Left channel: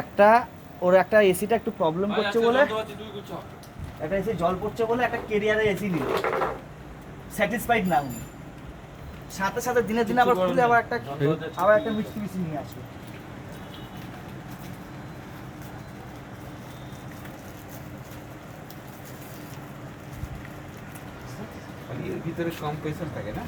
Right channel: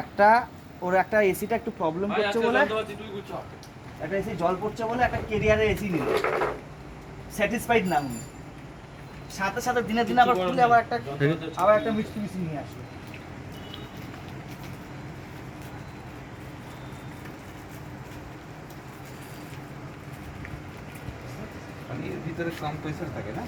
একটা ওর একটা এসিটা একটু প্রবলেম করছে বলে, একটা এসি জল পড়ছে বলে একটা কেরিয়ারে এসি নিল, স্যাটিসফাইড না উনি, সাথে সাথে দিনে দিনে আবার খুলে আবার একটা মিষ্টি মিষ্টি নিয়ে আসবে। এর ভিতরে কম প্রেসার থাকে না?